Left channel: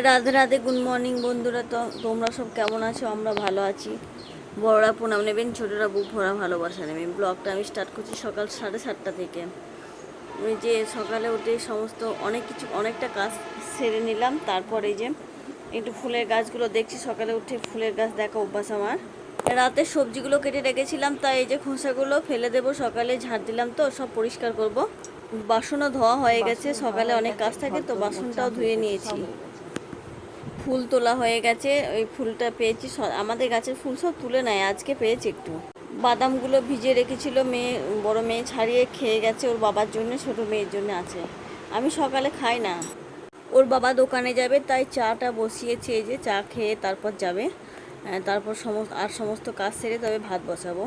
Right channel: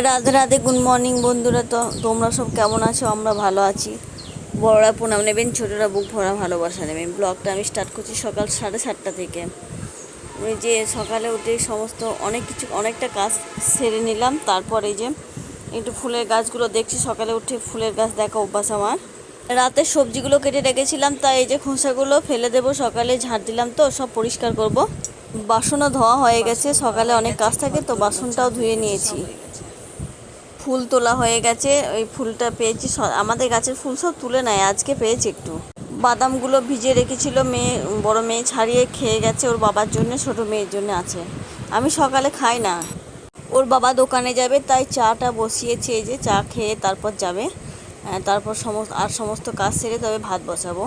Radhe Radhe, good morning বন্ধুরা। তো তোমরা সব কেমন আছো? আমরা ভালো আছি। বড়রা প্রণাম নেবেন, ছোটরা বুক ভরা ভালোবাসা নেবেন। ব্লগটা আমি স্টার্ট করছি সকাল 7:30 থেকে। ওই যে সকালে উঠে সমস্ত অনেকটা কাজ সেরে নিলাম। তারপরে এই যে একটু ফুলের গাছগুলো দেখছি। সকালে উঠে ফুলের গাছ দেখা অভ্যাস আমার। রাতে সবজিগুলো কেটে রেখেছিলাম, তাই এই যে খোসাগুলো ফেলে দেবো। সকালে ঝাড় দিলাম তো সব পরিষ্কার করব। বাসনও ধোয়া হয়ে গেছে, সকালে অনেক কাজ থাকে তো বাসনটাও ধুয়ে নিয়েছি। ফুল তোলা হয়ে গেছে। ওই ফুলটা পেয়েছি, আমাদের গাছের ফুল সব তুলে নেয়, আজকে পেয়েছি একটু। বাদামগুলো ভিজিয়ে রেখেছিল মেয়ে, বড় মেয়ে ছাড়িয়ে খেয়ে গেছে, ওর বাবার জন্য, ছোট মেয়ের জন্য আছে। আমি সকালে খাই না, ওর বাবা দোকানে যাবে তাই চাটা বসিয়েছি। এই যে চা খেয়ে তারপর যাবে। তারপর সমস্ত কাজ সেরে তবে ভাত বসাবো।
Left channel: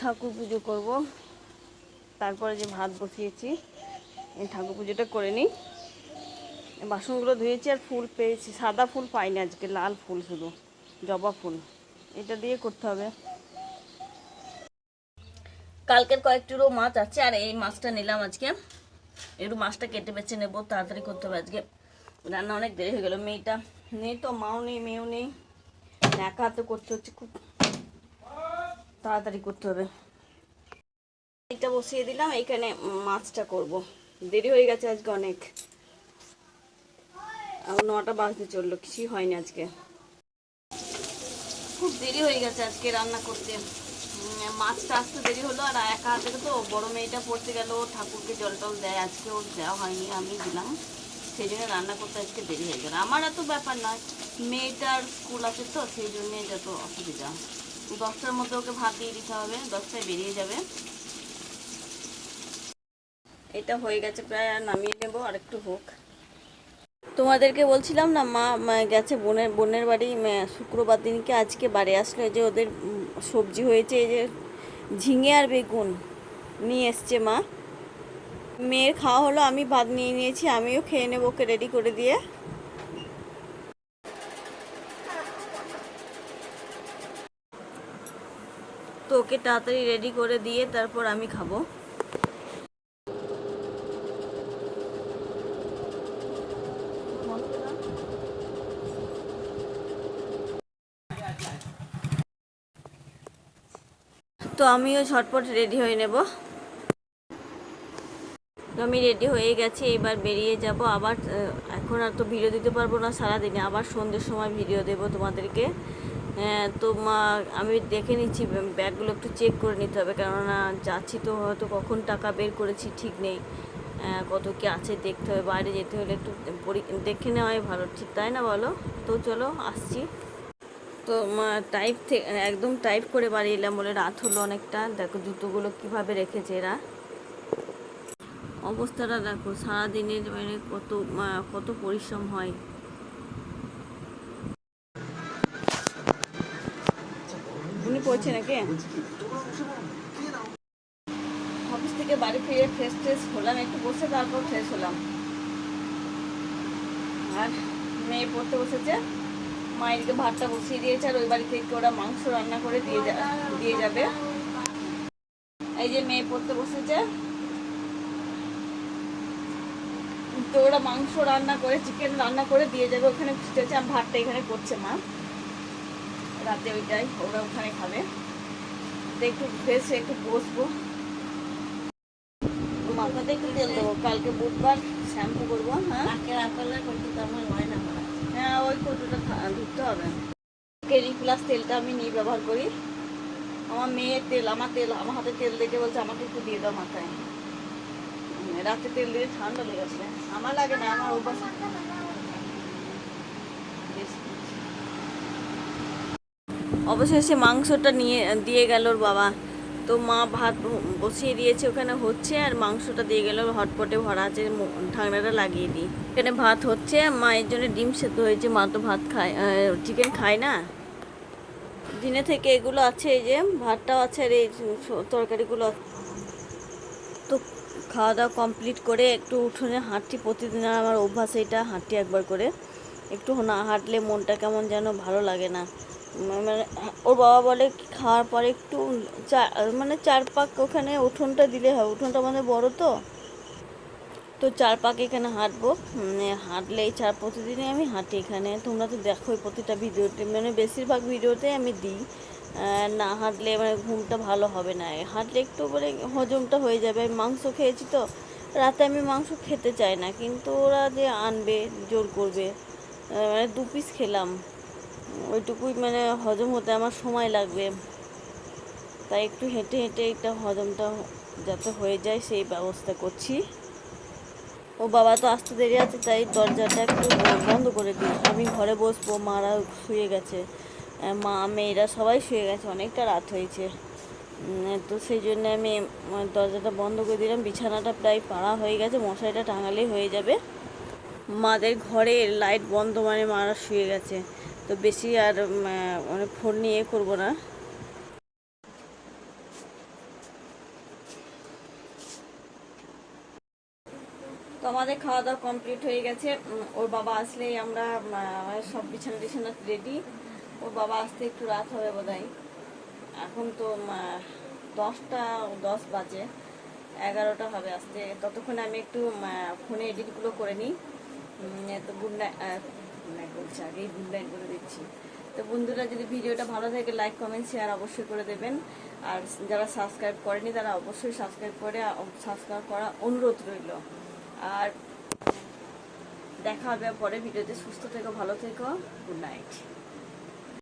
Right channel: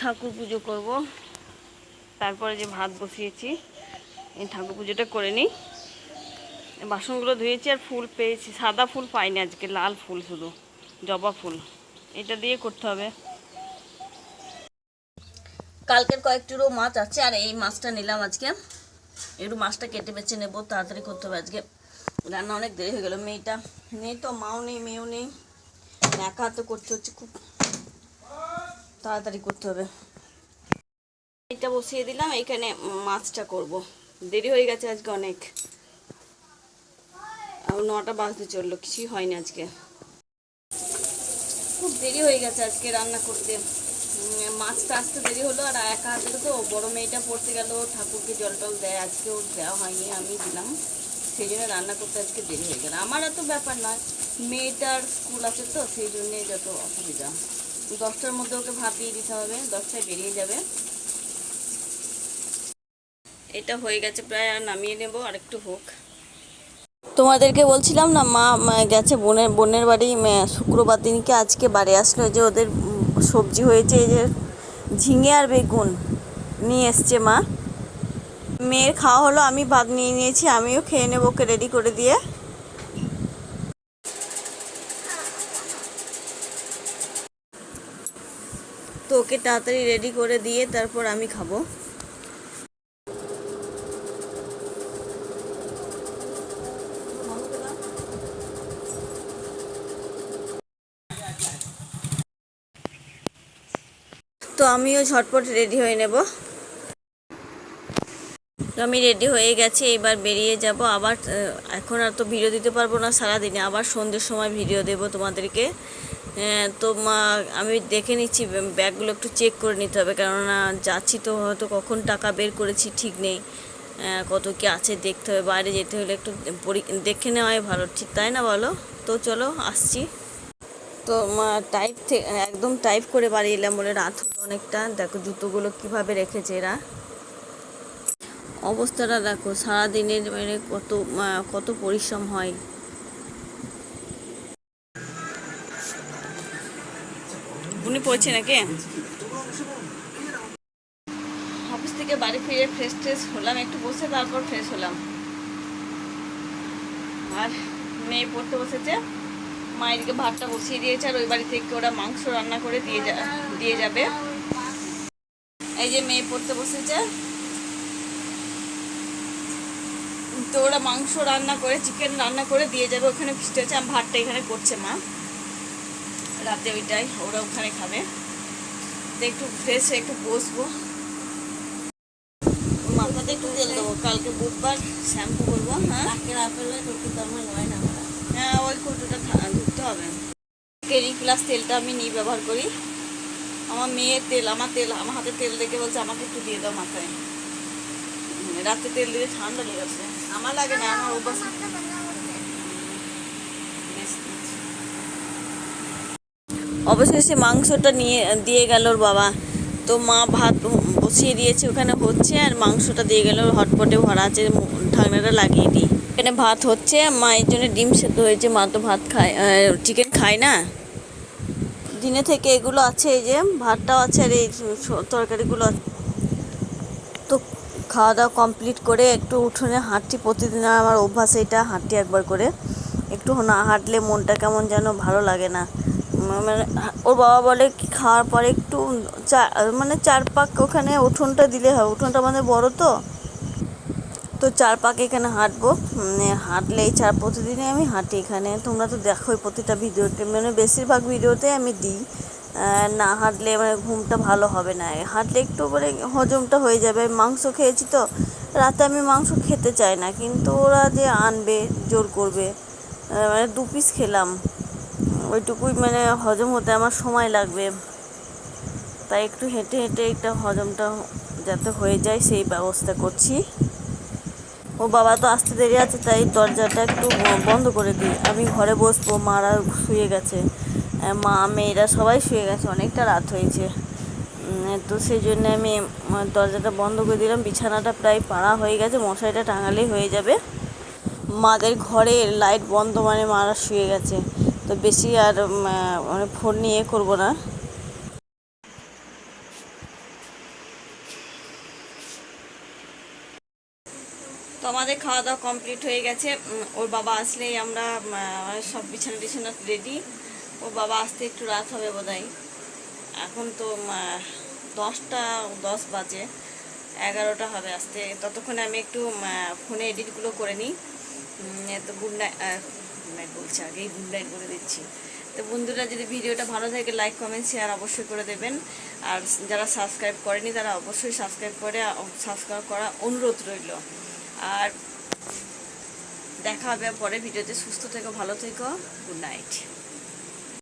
ঠাকুর পুজো করব, তারপরে যে ভাত বসিয়েছি, এই ঠাকুর পুজোটা করে নিই। বাসনগুলো ধুয়েছি আর ফুল পেয়েছি, সাদা ফুল পাইনি আজকে, লাল ফুল, শুধু জবা ফুল। এটা দিয়ে করতে হবে। কালকের কয়েকটিরও মাছ আছে আর এই মাছটা নিলাম আজকে। একটু মাছটা কেটে বেছে নেবো, তাড়াতাড়ি করতে হবে আজকে। রান্না অনেক দেরি হয়ে গেল, মেয়েটা নেই তো, মাও নেই মেয়েও নেই, একা হাতে করতে হচ্ছে, খুব তাড়াতাড়ি করতে হবে। এটা বসিয়ে দিলাম, এইখানে মাছটা করব। দেরি হয়ে গেছে আজকে অনেক, 9টা বাজতে চললো, কিছুই হয়নি আজকে, খুব দেরি হয়ে গেছে আজকে রান্না করতে। মাছটা আসতে দেরি হলো আর একা হাতে তো, বড় মেয়েটা পড়তে গেল, ঠাকুরকে জল টল দেয়, আজকে ওর দেওয়া হয়নি, আমি দিলাম, সেই জন্য রান্না করতে আজকে দেরি হয়ে গেল। আমার এত ব্যাপার নয়, মেয়েটার স্কুল আছে তো, সেই জন্যে যত অসুবিধা। 10টার মধ্যে ওকে ভাত দিয়ে দিতে হবে, 10টায় বেরিয়ে যাবে। এটা হয়ে গেছে প্রায়, আর নামিয়ে নেব, আর একটু হোক। তোমাদেরকে বলছিলাম না, মা গেছে বোনের বাড়ি শুক্রবার দিনকে, আজকে বাড়ি আসলো। যে ওদের সবজি হয়েছে, এই যে ঝিঙে আর বেগুন নিয়ে এসছে মা। মেয়ের খাওয়া হলো, আমি ভাত নিয়ে নিয়েছি, আমিও খেয়ে নেবো, ওকে রেডি করে দিয়ে। তো ওকে তাড়াতাড়ি রেডি করে দিয়ে তারপর আমি খাবো। তো আমিও ঝটপট রেডি হয়ে নেব। তো আমি রেডি হয়ে গেছি, এবার বেরিয়ে যাব আবার। এখন আর তো ভিডিও দিতে পারবো না সারাদিনে, আবার সন্ধ্যের সময় ভিডিও দেব তোমাদেরকে। তো আমি দেখে নিচ্ছি, ব্যাগগুলো একটু চেক করে নিতে হবে, কেননা যাচ্ছি তো, হয়তো কখন টাকা বের করেছি ঠিক নেই, কত কি আছে দেখতে হবে। বাইরে যেতে হলে একটু দেখে নেওয়াই ভালো, ঠিক তাই না বলো? তো চলো আসছি। তো একদম টাইপ করে বাড়ি এলাম, বলে রাত হলো অনেকটা। দেখো জুতোগুলো কিভাবে রেখেছে এরা, অবস্থাটা দেখো, সারাদিনের মানে কত পরিশ্রম হয়। উনি পড়ছে নাকি? অফিস থেকে বাড়ি ফিরে ফ্রেশ হলাম, একটু বসে তারপর ফ্রেশ হলাম। আর মেয়ে পড়তে বসেছে, মায়েরকে ভাতটা বসিয়ে দিয়েছে, আর ওই বাড়ি থেকে ওরা মাংস রান্না করে দিয়ে যাবে। এই যে মেয়ে পড়তে বসেছে, তো ওরা মাংস রান্না করে, চিকেন রান্না করে দিয়ে যাবে, ওখানে ফিস্ট হচ্ছে। আর ভাতটা এখানে করছে মা, রাতে ওইটাই ওরা ওখানে খাবে। তো একটু ফ্রেশ হয়ে একটু বসবো, মাথাতে একটু তেল দেবো, কালকে বুধবার শ্যাম্পু করবো। হ্যাঁ, হ্যাঁ, ওই কৌটোটা ধুতে হবে। ক্লিনিক প্লাস তেলটা আমি নিয়ে ব্যবহার করি। আমার মেয়ের তেল, আমার হাতে তেল দেখে বলছে আমাকে একটু দিয়ে দাও মাথায়। রাতে তেল দিলে ঠান্ডা লেগে আসে, আমার লাগে না, আমার অভ্যাস। অবশেষে মাংসটা দিয়ে গেল ওর বাবা। তো মা ভাত বসিয়ে দিয়েছে, ওখানে হচ্ছে, আর মাংসটা দিয়ে গেল, হটপটে ভরা আছে, ঢাকনাটা লাগিয়ে দিই। এখানে ভাত হচ্ছে, মায়ের জন্য ডিম সেদ্ধ হয়েছে, মা তো ভাত খায়, চিকেন খায় না। দিনে থেকে এগুলো আছে, এই যে ভাতটাও আছে, আর এই তরকারিগুলো। তো খাওয়া দাওয়া কমপ্লিট করে একটু উঠোনে হাঁটছি, প্রতিদিন আমার অভ্যাস এটা, হাঁটছি একবার করে। একটু না হাঁটলে মনটা কেমন যেন ভালো লাগে না, মানে ওর বাবা বলে কি খাওয়ার পরে একটু মানে 4 পাক ওখানে উঠোনটা দিলে হয়, উঠোনটা আমাদের বড় তো, তো 4 পাক এখানে হাঁটবো। মানে হাঁটলে এই প্রতিদিনই আমি হাঁটি এখানে, তোমরা তো দেখোই প্রতিটা ভিডিওতে, মানে বেশিরভাগ ভিডিওতে আমি দিই। না হাঁটলে মানে ঘুমটা ভালো হবে না, হাঁটলে একটু মানে হজমটা হয়ে যাবে। মাংস খেয়েছি তো, রাতে আমি মাংস খেতে চাই না, কিন্তু ওরা যে আনবে জোর করবে, মানে 2 পিস খেলাম, ওইটুকুই মানে হজম হতে আমার সময় লাগবে, তাই একটু হেঁটে হেঁটে একটা হজমটা যাতে হয়ে যায় সেই ব্যবস্থা করছি। ও বাবা তো আসতে দেরি আছে, তাই দরজাটা একটু বন্ধ করে দিই, আমি ঘরে বসবো, মারা শুয়ে গেছে, মা মেয়েরা সবাই শুয়ে গেছে, অনেকটা রাত হয়েছে। তো সেই জন্য আমি দরজাটা বন্ধ করে দিলাম। বিছানাটা প্রায় পাড়া হয়ে গেছে, মশারিটা টাঙালেই হয়ে যাবে। মাদের ঘরে লাইট বন্ধ মানে মারা শুয়ে গেছে, তো বেশি আর মানে ফোন নিয়ে করবো না। তো আমাদের খাওয়া দাওয়া কমপ্লিট হয়ে গেছে। ওর বাবা আসলেই আমরা সব বিছানা টিছানা রেডি। ওর বাবা আসতে একটু রাত হবে বোধহয়, এখন তো 10টা 10 বাজে, 11টা হবে আসতে। ততক্ষণে আমি একটু ফোনে এডিটগুলো করে নিই। তো গুড নাইট, গুড নাইট বলছি, আগেই গুড নাইট বলে দিচ্ছি। তো বন্ধুরা, যদি ভিডিওটা ভালো থাকে লাইক কমেন্ট শেয়ার অবশ্যই করে দেবেন, আর যারা সাবস্ক্রাইব করেনি তারা অবশ্যই সাবস্ক্রাইব করা অনুরোধ রইল। আর দেখা হবে পরে ভিডিওতে। সুস্থ থেকো, ভালো থেকো, গুড নাইট।